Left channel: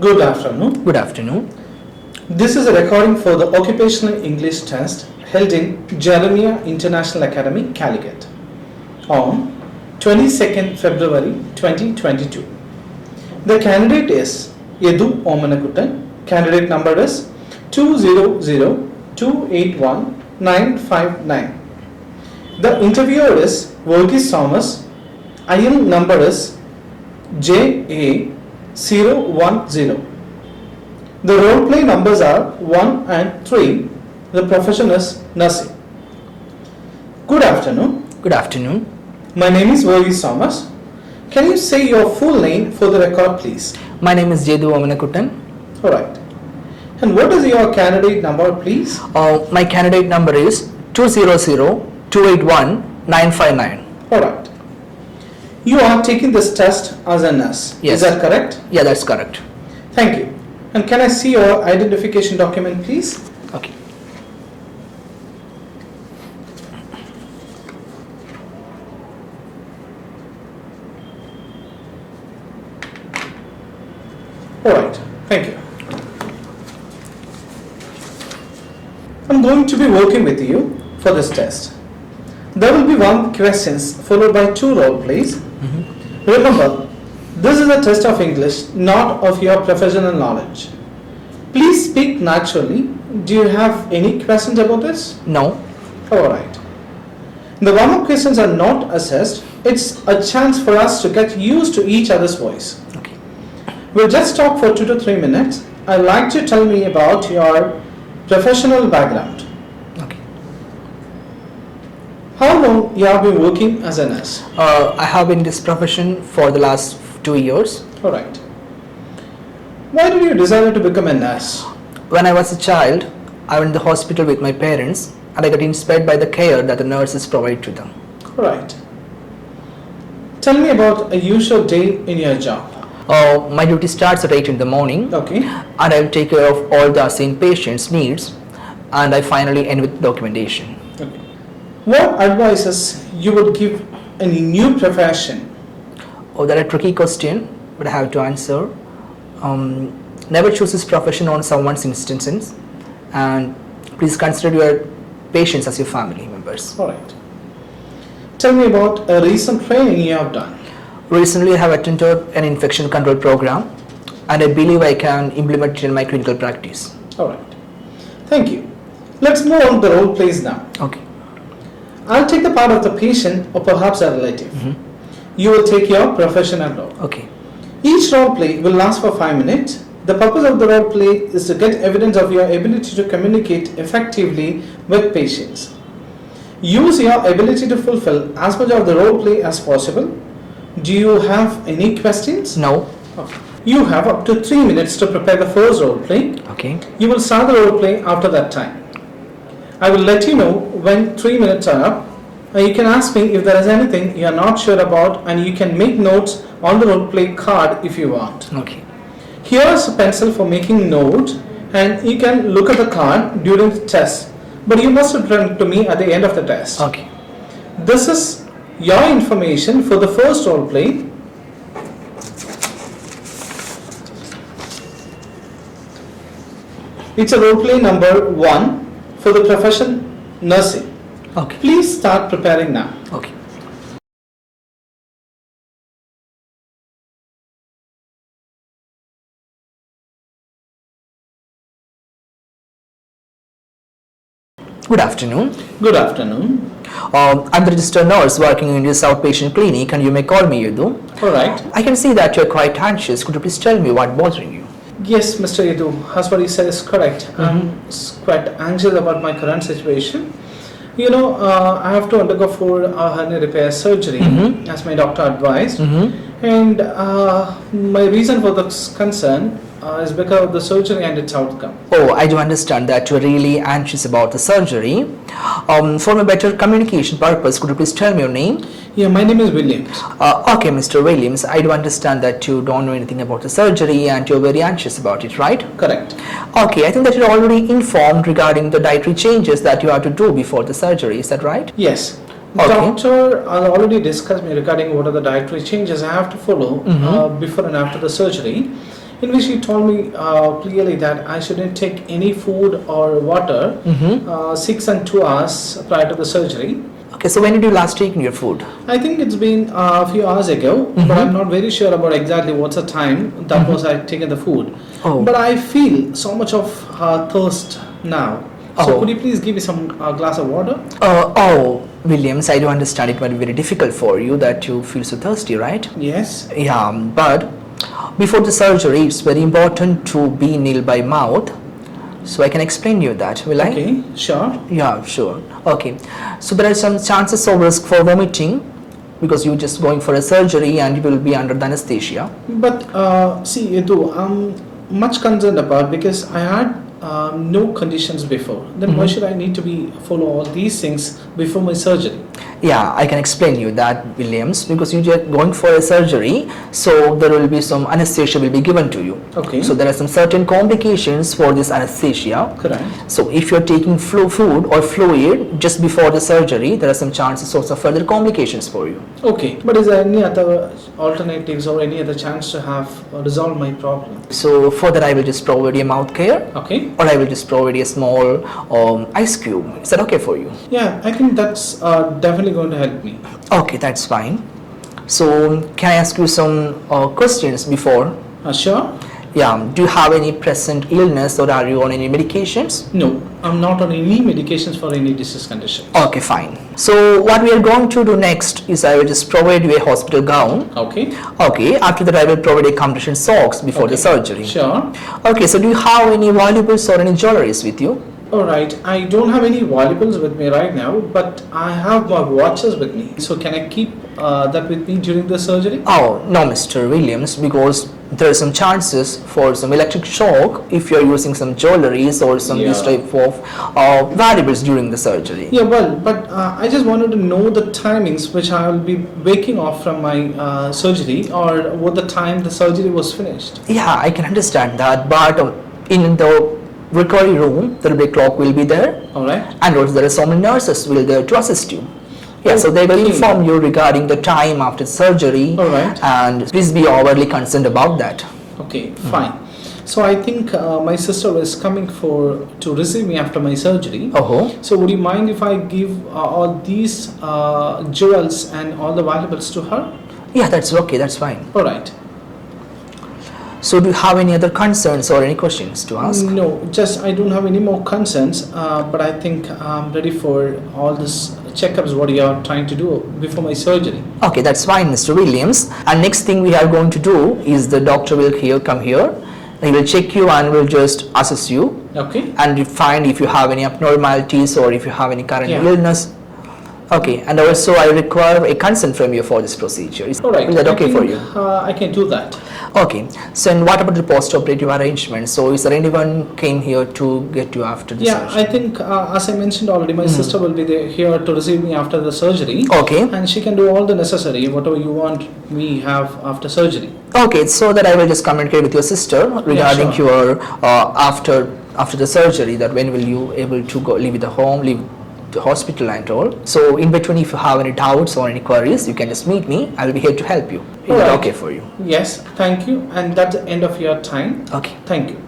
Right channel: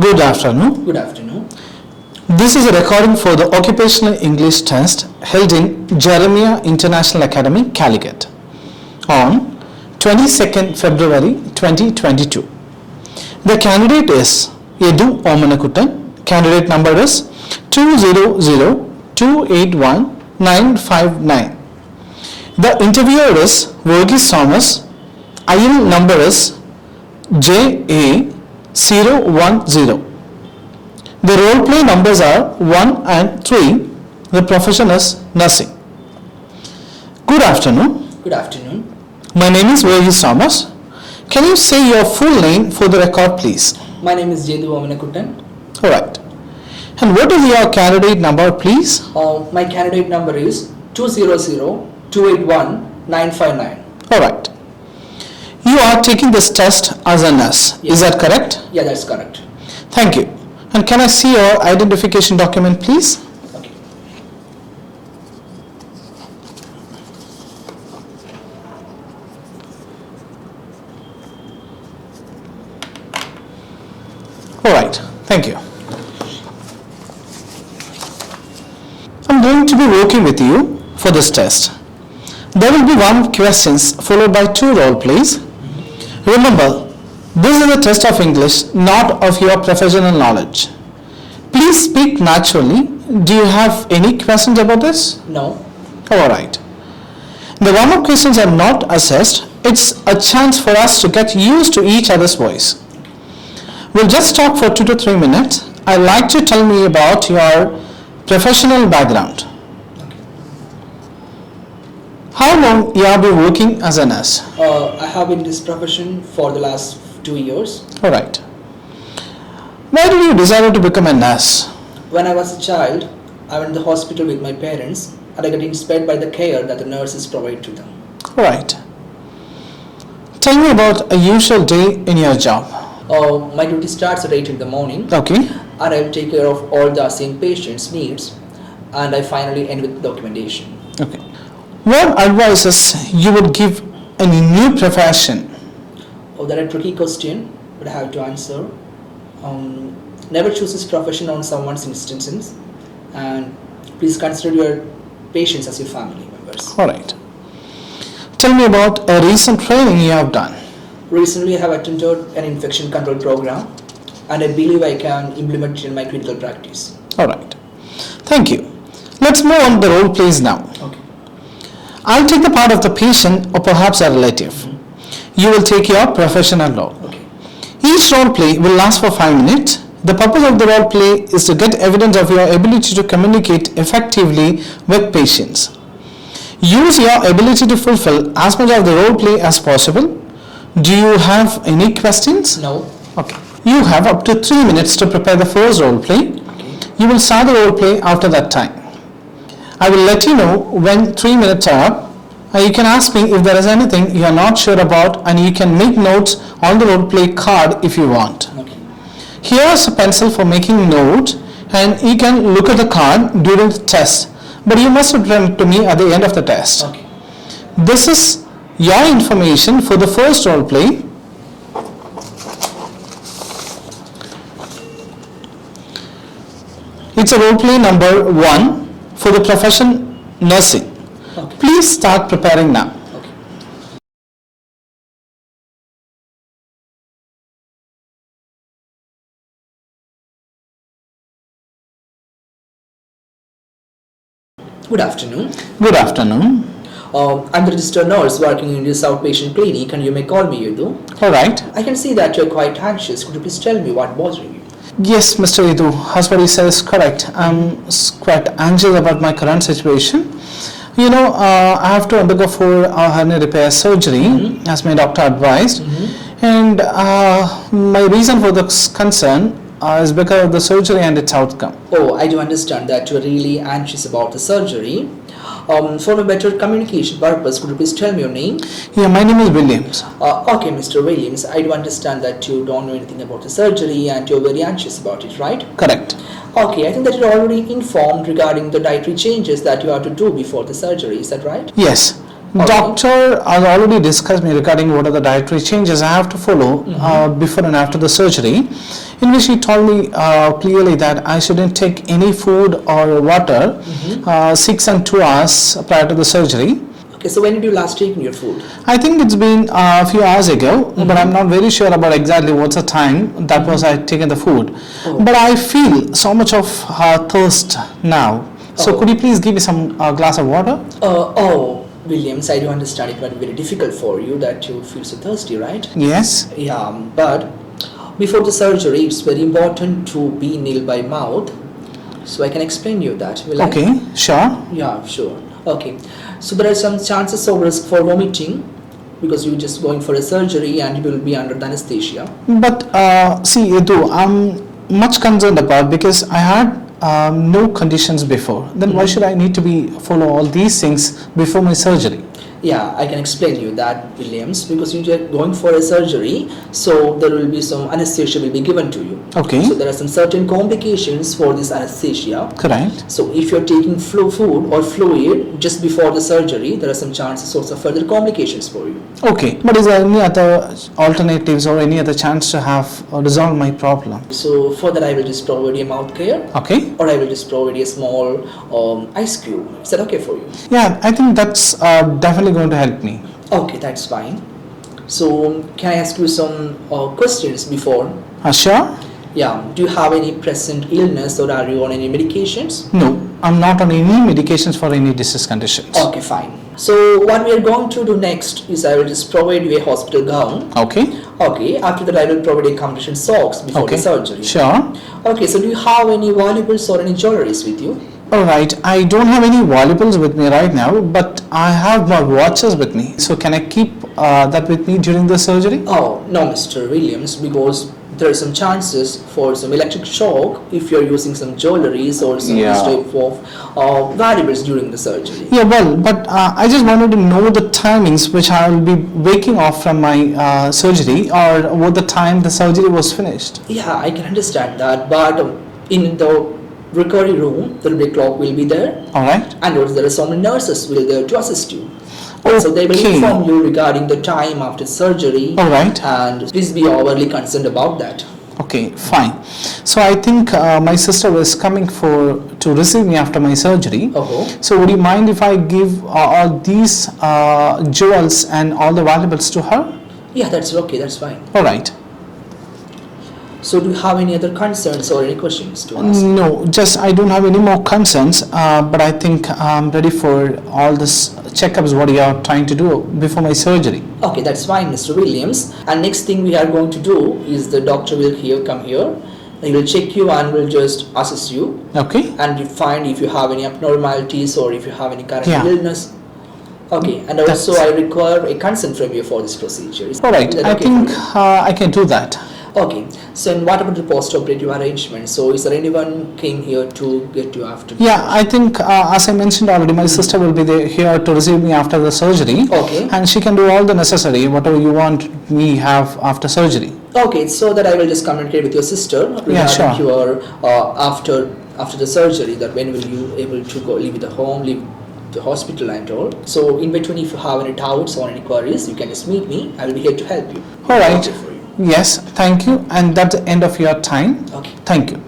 Good afternoon. Good afternoon. This is a recording for the Occupational English Test held in Hernia International Academy, Calicut on 22nd February 2022. The candidate is Edu Omanakuttan. Candidate number is 200281959. The interviewer is Verghese Thomas. IL number is JA010. The role play numbers are 1 and 3. The profession is nursing. Good afternoon. Good afternoon. My name is Verghese Thomas. Can you say your full name for the record, please? My name is Edu Omanakuttan. Alright. And what is your candidate number, please? My candidate number is 200281959. Alright. You are taking this test as a nurse. Yes. Is that correct? Yeah, that's correct. Thank you. And can I see your identification document, please? Okay. Alright. Thank you. I'm going to be working with you for this test. There will be 1 questions followed by 2 role plays. Remember, this is a test of English, not of your professional knowledge. Please speak naturally. Do you have any questions about this? No. Alright. The warm-up questions are not assessed. It's a chance for us to get used to each other's voice. Okay. We'll just talk for 2 to 3 minutes. I'd like to tell me about your professional background. Okay. How long you have been working as a nurse? I have been in this profession for the last 2 years. Alright. Why did you decide to become a nurse? When I was a child, I went to the hospital with my parents and I got inspired by the care that the nurses provide to them. Alright. Tell me about a usual day in your job. My duty starts at 8 in the morning. Okay. And I will take care of all the assigned patients' needs, and I finally end with documentation. Okay. What advices you would give any new profession? Oh, that is a tricky question, but I have to answer. Never choose this profession on someone's instances, and please consider your patients as your family members. Alright. Tell me about a recent training you have done. Recently, I have attended an infection control program, and I believe I can implement it in my clinical practice. Alright. Thank you. Let's move on to the role plays now. Okay. I'll take the part of the patient or perhaps a relative. You will take your professional role. Okay. Each role play will last for 5 minutes. The purpose of the role play is to get evidence of your ability to communicate effectively with patients. Use your ability to fulfill as much of the role play as possible. Do you have any questions? No. Okay. You have up to 3 minutes to prepare the first role play. Okay. You will start the role play after that time. I will let you know when 3 minutes are up. And you can ask me if there is anything you are not sure about, and you can make notes on the role play card if you want. Okay. Here is a pencil for making notes, and you can look at the card during the test, but you must return it to me at the end of the test. Okay. This is your information for the first role play. It's a role play number 1 for the profession nursing. Okay. Please start preparing now. Okay. Good afternoon. Good afternoon. I'm the registered nurse working in this outpatient clinic, and you may call me Edu. Alright. I can see that you're quite anxious. Could you please tell me what's bothering you? Yes, Mr. Edu, as what he says is correct. I'm quite anxious about my current situation. You know, I have to undergo for a hernia repair surgery, as my doctor advised. And my reason for this concern is because of the surgery and its outcome. Oh, I do understand that you're really anxious about the surgery. For a better communication purpose, could you please tell me your name? Yeah, my name is Williams. Okay, Mr. Williams, I do understand that you don't know anything about the surgery and you're very anxious about it, right? Correct. Okay, I think that you're already informed regarding the dietary changes that you have to do before the surgery, is that right? Yes. Okay. Doctor has already discussed me regarding what are the dietary changes I have to follow before and after the surgery. in which he told me clearly that I shouldn't take any food or water 6 and 2 hours prior to the surgery. Okay, so when did you last take your food? I think it's been a few hours ago, but I'm not very sure about exactly what's the time that was I had taken the food. Oh. But I feel so much of thirst now. So Oh. could you please give me some glass of water? Williams, I do understand it might be very difficult for you that you feel so thirsty, right? Yes. Yeah, but before the surgery, it's very important to be nil by mouth. So I can explain you that, will I? Okay, sure. Yeah, sure. Okay. So there are some chances of risk for vomiting because you're just going for a surgery and you will be under the anesthesia. But see, Edu, I'm much concerned about because I had no conditions before. Then why should I need to be follow all these things before my surgery? Yeah, I can explain you that, Williams, because you're going for a surgery, so there will be some anesthesia will be given to you. Okay. So there are some certain complications for this anesthesia. Correct. So if you're taking food or fluid just before the surgery, there are some chances also of further complications for you. Okay. But is there any other alternatives or any other chance to have resolve my problem? So for that, I will just provide you a mouth care, Okay. or I will just provide you a small ice cube. Is that okay for you? Yeah, I think that's definitely going to help me. Okay, that's fine. So can I ask you some questions before? Sure. Yeah, do you have any present illness or are you on any medications? No, I'm not on any medications for any disease conditions. Okay, fine. So what we are going to do next is I will just provide you a hospital gown. Okay. Okay, after that I will provide a compression socks before the surgery. Sure. Okay, so do you have any valuables or any jewelries with you? Alright, I don't have any valuables with me right now, but I have my watches with me. So can I keep that with me during the surgery? Oh, no, Mr. Williams, because there are some chances for some electric shock if you're using some jewelries or some this type of valuables during the surgery. Yeah, well, but I just wanted to know the timings which I will be waking off from my surgery or what the time the surgery was finished. Yeah, I can understand that, but in the recovery room, the clock will be there. Alright. And also there are so many nurses will there to assist you. Yeah, so they will Okay. inform you regarding the time after surgery. Alright. And please be overly concerned about that. Okay, fine. So I think my sister is coming to receive me after my surgery. Oh. So would you mind if I give all these jewels and all the valuables to her? Yeah, that's okay, that's fine. Alright. So do you have any other concerns or any questions to ask? No, just I don't have any more concerns, but I think I'm ready for all this checkups what you are trying to do before my surgery. Okay, that's fine, Mr. Williams. And next thing we are going to do is the doctor will come here. He will check you and will just assess you. Okay. And you find if you have any abnormalities or if you have any current illness. Okay, and also I require a consent from you for this procedure. Is Alright, that okay I for think you? I can do that. Okay, so and what about the post-operative arrangement? So is there anyone came here to get you after the Yeah, I think as I mentioned already, my sister will be here to receive me after the surgery. Okay. And she can do all the necessary, whatever you want me have after surgery. Okay, so that I will just communicate with your sister regarding your after the surgery, that when will you able to go leave the home, leave the hospital and all. So in between, if you have any doubts or any queries, you can just meet me. I will be here to help you. All right. Okay for you. Yes, thank you. And that's the end of your time. Okay. Thank you.